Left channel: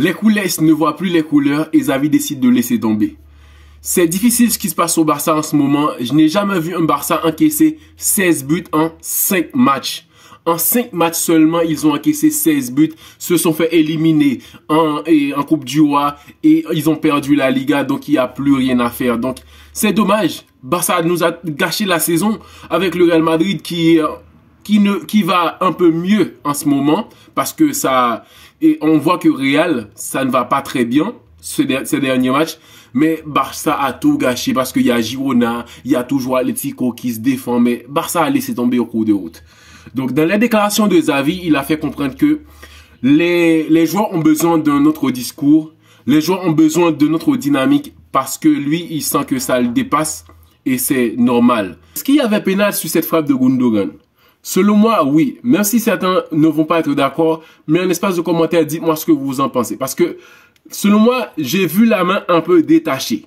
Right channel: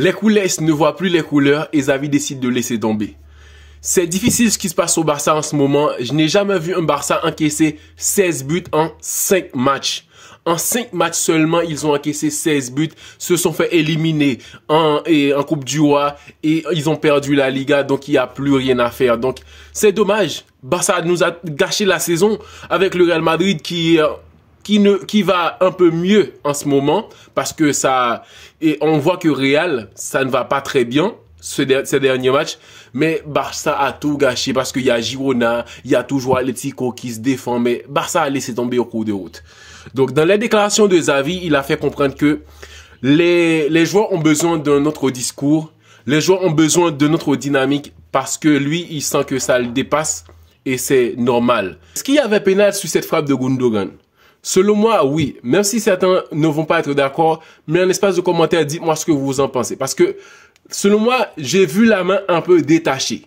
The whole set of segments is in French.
Les culés ne voient plus les couleurs et Xavi décide de laisser tomber. C'est difficile ce qui se passe au Barça en ce moment. Je n'ai jamais vu un Barça encaisser 16 buts en 5 matchs. En 5 matchs seulement, ils ont encaissé 16 buts, se sont fait éliminer en Coupe du Roi et ils ont perdu la Liga, donc il n'y a plus rien à faire. Donc c'est dommage. Barça nous a gâché la saison avec le Real Madrid qui va un peu mieux en ce moment parce que et on voit que Real, ça ne va pas très bien ces derniers matchs. Mais Barça a tout gâché parce qu'il y a Girona, il y a toujours Atlético qui se défend, mais Barça a laissé tomber au cours de route. Donc, dans les déclarations de Xavi, il a fait comprendre que les joueurs ont besoin d'un autre discours, les joueurs ont besoin de notre dynamique parce que lui, il sent que ça le dépasse et c'est normal. Est-ce qu'il y avait pénal sur cette frappe de Gundogan? Selon moi, oui. Même si certains ne vont pas être d'accord, mais en espace de commentaires, dites-moi ce que vous en pensez. Parce que, selon moi, j'ai vu la main un peu détachée.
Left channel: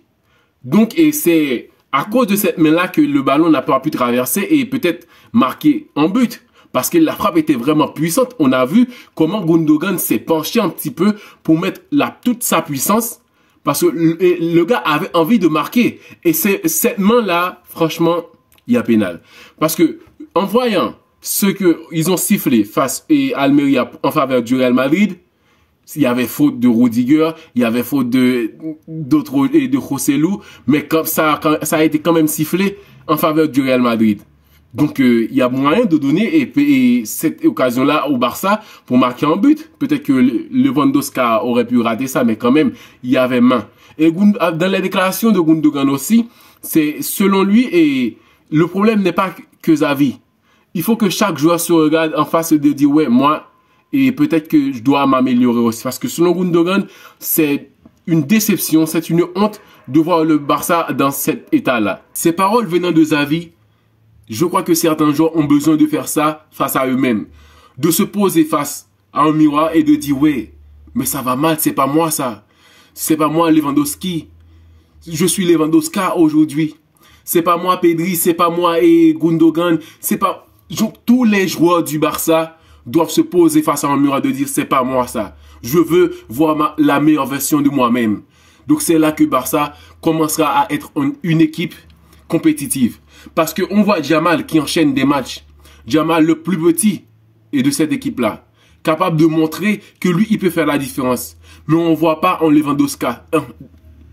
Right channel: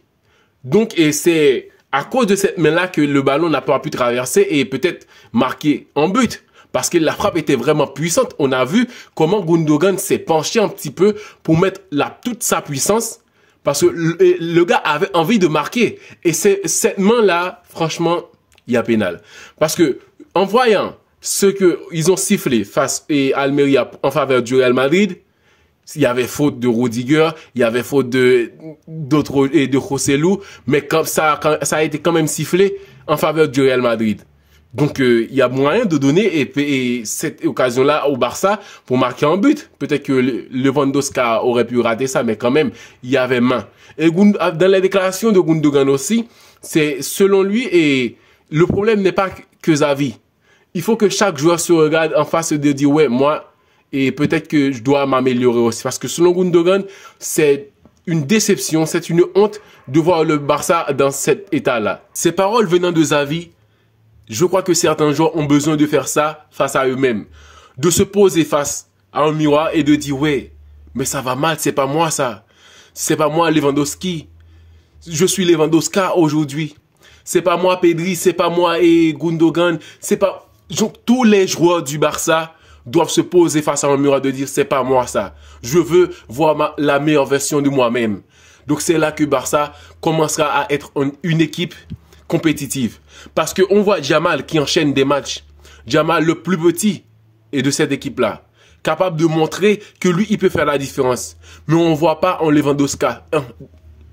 Donc, et c'est à cause de cette main-là que le ballon n'a pas pu traverser et peut-être marquer en but. Parce que la frappe était vraiment puissante. On a vu comment Gundogan s'est penché un petit peu pour mettre toute sa puissance. Parce que le gars avait envie de marquer. Et cette main-là, franchement, il y a pénal. Parce que, en voyant ce qu'ils ont sifflé face à Almeria en faveur du Real Madrid, il y avait faute de Rudiger, il y avait faute de Joselu, mais comme ça a été quand même sifflé en faveur du Real Madrid. Donc, il y a moyen de donner cette occasion-là au Barça pour marquer un but. Peut-être que Lewandowski aurait pu rater ça, mais quand même, il y avait main. Et dans les déclarations de Gundogan aussi, c'est selon lui, et le problème n'est pas que Xavi. Il faut que chaque joueur se regarde en face de dire, ouais, moi, et peut-être que je dois m'améliorer aussi. Parce que selon Gundogan, c'est une déception, c'est une honte de voir le Barça dans cet état-là. Ces paroles venant de Xavi, je crois que certains joueurs ont besoin de faire ça face à eux-mêmes. De se poser face à un miroir et de dire, ouais, mais ça va mal, c'est pas moi ça. C'est pas moi Lewandowski. Je suis Lewandowski aujourd'hui. C'est pas moi Pedri, c'est pas moi et Gundogan. C'est pas... Tous les joueurs du Barça doivent se poser face à un miroir de dire, c'est pas moi ça. Je veux voir la meilleure version de moi-même. Donc c'est là que Barça commencera à être une équipe compétitive. Parce qu'on voit Yamal qui enchaîne des matchs. Yamal, le plus petit, est de cette équipe-là. Capable de montrer que lui, il peut faire la différence. Mais on ne voit pas en Lewandowski.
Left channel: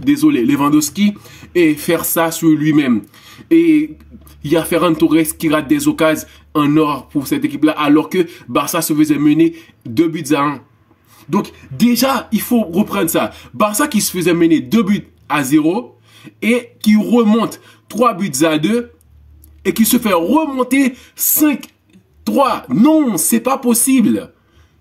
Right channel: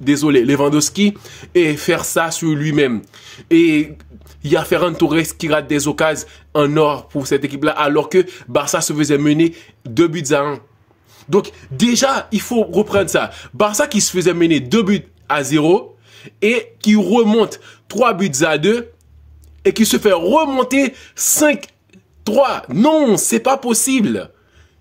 Lewandowski et faire ça sur lui-même. Et il y a Ferran Torres qui rate des occasions en or pour cette équipe-là, alors que Barça se faisait mener 2-1. Donc, déjà, il faut reprendre ça. Barça qui se faisait mener 2-0 et qui remonte 3-2 et qui se fait remonter 5-3. Non, c'est pas possible.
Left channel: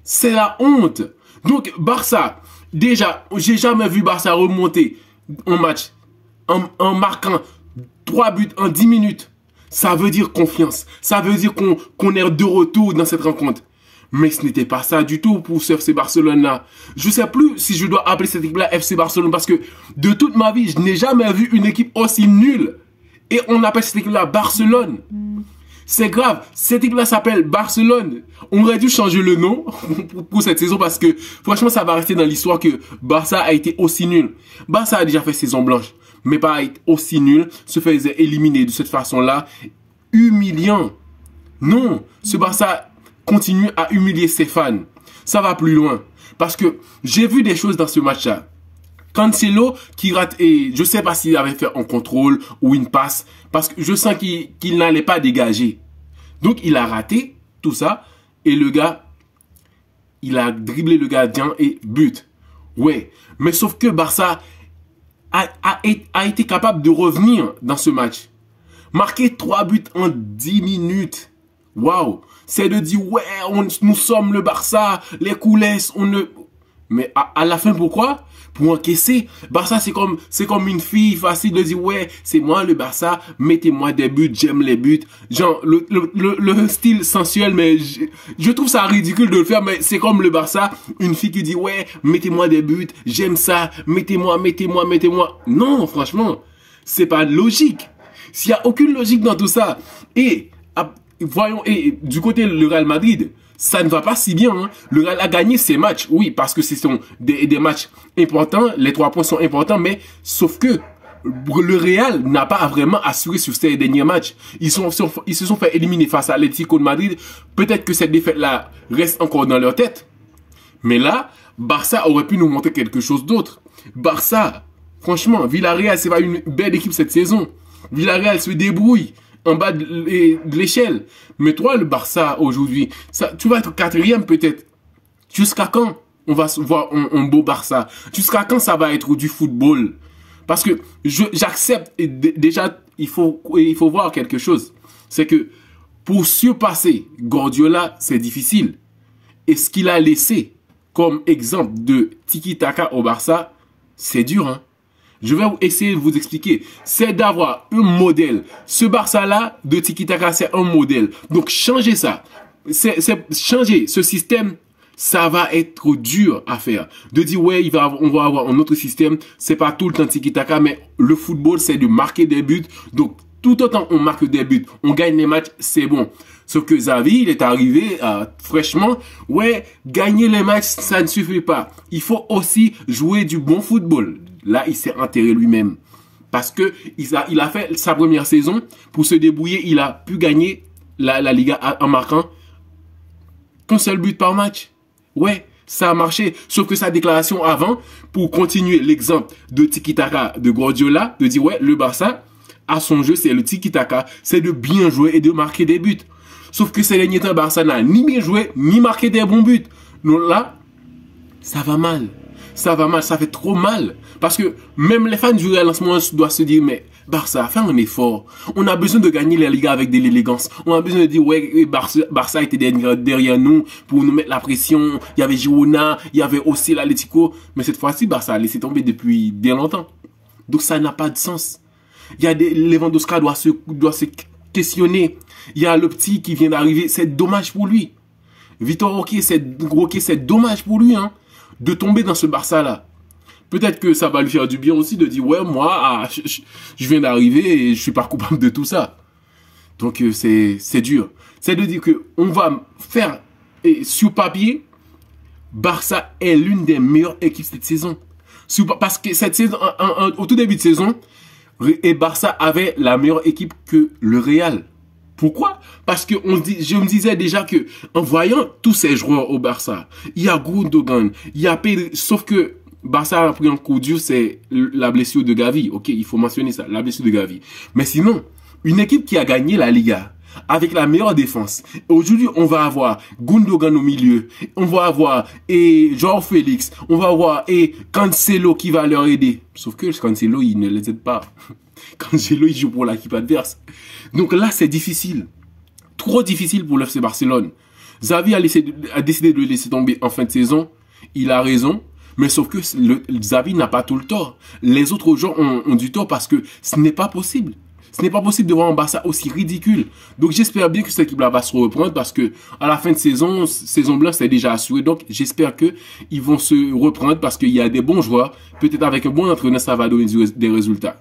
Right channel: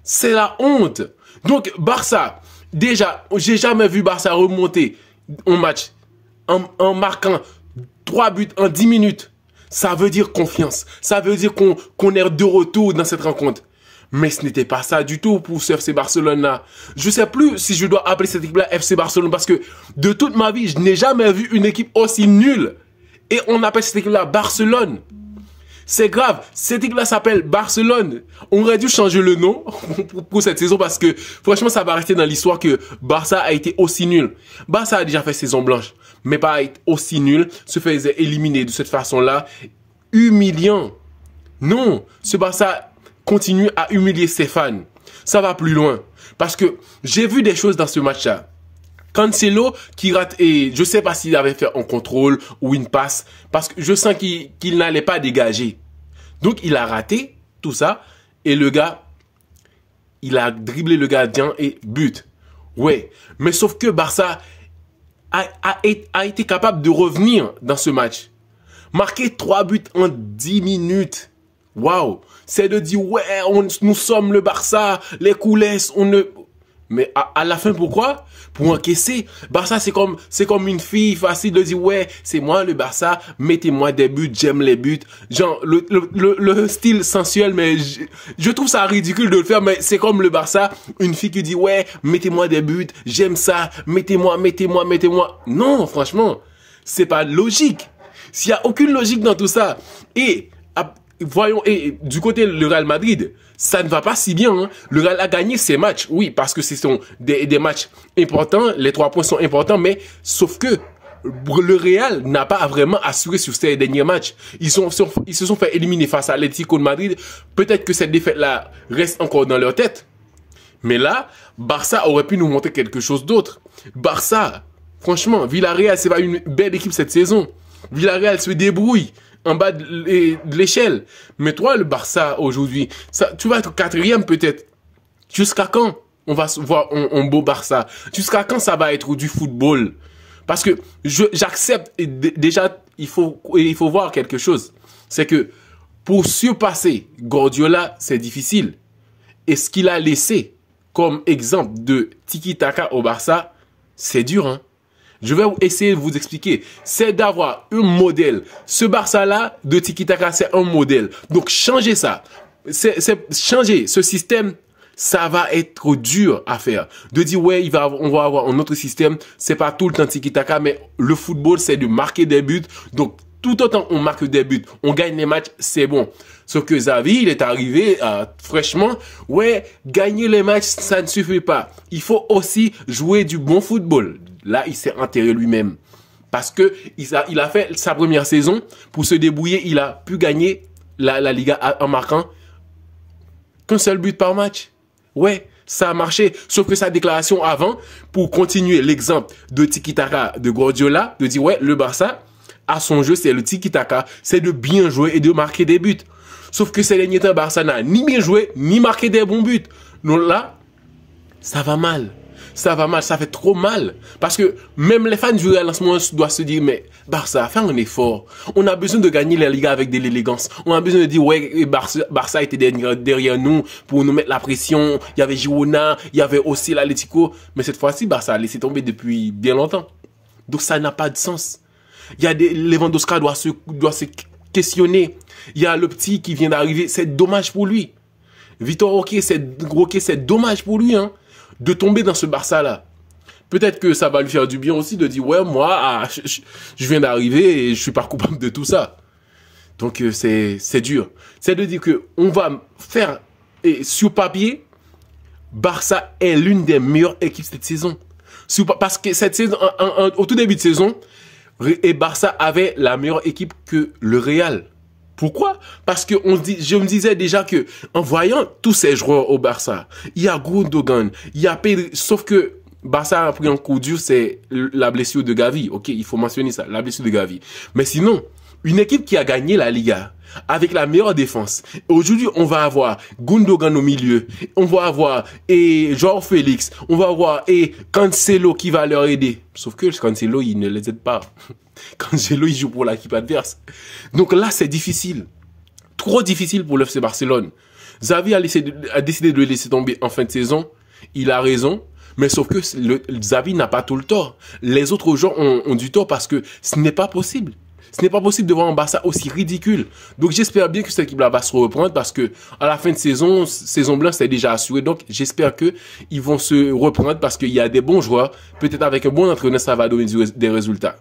C'est la honte. Donc, Barça, déjà, j'ai jamais vu Barça remonter un match en marquant 3 buts en 10 minutes. Ça veut dire confiance. Ça veut dire qu'on est de retour dans cette rencontre. Mais ce n'était pas ça du tout pour ce FC Barcelone-là. Je sais plus si je dois appeler cette équipe-là FC Barcelone parce que de toute ma vie, je n'ai jamais vu une équipe aussi nulle. Et on appelle cette équipe-là Barcelone. C'est grave. Cette équipe-là s'appelle Barcelone. On aurait dû changer le nom pour cette saison parce que franchement, ça va rester dans l'histoire que Barça a été aussi nul. Barça a déjà fait saison blanche, mais pas être aussi nul, se faisait éliminer de cette façon-là. Humiliant. Non, ce Barça continue à humilier ses fans. Ça va plus loin. Parce que j'ai vu des choses dans ce match-là. Cancelo qui rate, et je ne sais pas s'il avait fait un contrôle ou une passe, parce que je sens qu'il n'allait pas dégager. Donc il a raté tout ça, et le gars, il a dribblé le gardien et but. Ouais, mais sauf que Barça a été capable de revenir dans ce match. Marquer 3 buts en 10 minutes. Waouh! C'est de dire, ouais, nous sommes le Barça, les coulisses, on ne... Mais à la fin, pourquoi? Pour encaisser. Barça, c'est comme une fille facile de dire, ouais, c'est moi le Barça, mettez-moi des buts, j'aime les buts. Genre, le style sensuel, mais je trouve ça ridicule de le faire, mais c'est comme le Barça, une fille qui dit, ouais, mettez-moi des buts, j'aime ça, mettez-moi. Non, franchement, c'est pas logique. S'il y a aucune logique dans tout ça. Et voyons, et du côté le Real Madrid, ça ne va pas si bien. Hein. Le Real a gagné ses matchs, oui, parce que ce sont des matchs importants, les 3 points sont importants, mais sauf que le Real n'a pas vraiment assuré sur ces derniers matchs. Ils se sont fait éliminer face à l'Atlético de Madrid. Peut-être que cette défaite-là reste encore dans leur tête. Mais là, Barça aurait pu nous montrer quelque chose d'autre. Barça, franchement, Villarreal, c'est pas une belle équipe cette saison. Villarreal se débrouille en bas de l'échelle. Mais toi, le Barça, aujourd'hui, tu vas être 4e peut-être. Jusqu'à quand on va voir un beau Barça? Jusqu'à quand ça va être du football? Parce que j'accepte, déjà, il faut voir quelque chose. C'est que pour surpasser Guardiola, c'est difficile. Et ce qu'il a laissé comme exemple de tiki-taka au Barça, c'est dur, hein. Je vais essayer de vous expliquer. C'est d'avoir un modèle. Ce Barça-là, de tiki-taka, c'est un modèle. Donc, changez ça. Changer ce système, ça va être dur à faire. De dire, ouais, on va avoir un autre système. C'est pas tout le temps tiki-taka, mais le football, c'est de marquer des buts. Donc, tout autant on marque des buts, on gagne les matchs, c'est bon. Sauf que Xavi, il est arrivé fraîchement. Ouais, gagner les matchs, ça ne suffit pas. Il faut aussi jouer du bon football. Là, il s'est enterré lui-même. Parce que il a fait sa première saison. Pour se débrouiller, il a pu gagner la Liga en marquant qu'un seul but par match. Ouais, ça a marché. Sauf que sa déclaration avant, pour continuer l'exemple de tiki-taka de Guardiola, de dire, ouais, le Barça, à son jeu, c'est le tiki-taka, c'est de bien jouer et de marquer des buts. Sauf que ces derniers temps, Barça n'a ni bien joué, ni marqué des bons buts. Donc là, ça va mal. Ça va mal, ça fait trop mal. Parce que même les fans du Real en ce moment doivent se dire, mais Barça, fais un effort. On a besoin de gagner la Liga avec de l'élégance. On a besoin de dire, ouais, Barça était derrière nous pour nous mettre la pression. Il y avait Girona, il y avait aussi l'Atlético. Mais cette fois-ci, Barça a laissé tomber depuis bien longtemps. Donc ça n'a pas de sens. Il y a Lewandowski doit se questionner. Il y a le petit qui vient d'arriver. C'est dommage pour lui. Vitor Roque, c'est dommage pour lui, hein, de tomber dans ce Barça-là. Peut-être que ça va lui faire du bien aussi de dire, ouais, moi, je viens d'arriver et je suis pas coupable de tout ça. Donc, c'est dur. C'est de dire que on va faire, sur papier, Barça est l'une des meilleures équipes cette saison. Parce que cette saison, au tout début de saison, et Barça avait la meilleure équipe que le Real. Pourquoi? Parce que je me disais déjà que en voyant tous ces joueurs au Barça, il y a Gundogan, il y a Pedri, sauf que Barça a pris un coup dur, c'est la blessure de Gavi. Ok, il faut mentionner ça, la blessure de Gavi. Mais sinon, une équipe qui a gagné la Liga avec la meilleure défense. Aujourd'hui, on va avoir Gundogan au milieu. On va avoir Joao Félix. On va avoir Cancelo qui va leur aider. Sauf que Cancelo, il ne les aide pas. Cancelo, il joue pour l'équipe adverse. Donc là, c'est difficile. Trop difficile pour le FC Barcelone. Xavi a décidé de le laisser tomber en fin de saison. Il a raison. Mais sauf que Xavi n'a pas tout le tort. Les autres joueurs ont du tort parce que ce n'est pas possible. Ce n'est pas possible de voir un Barça aussi ridicule. Donc j'espère bien que cette équipe-là va se reprendre parce que à la fin de saison blanche, c'est déjà assuré. Donc j'espère qu'ils vont se reprendre parce qu'il y a des bons joueurs. Peut-être avec un bon entraîneur, ça va donner des résultats.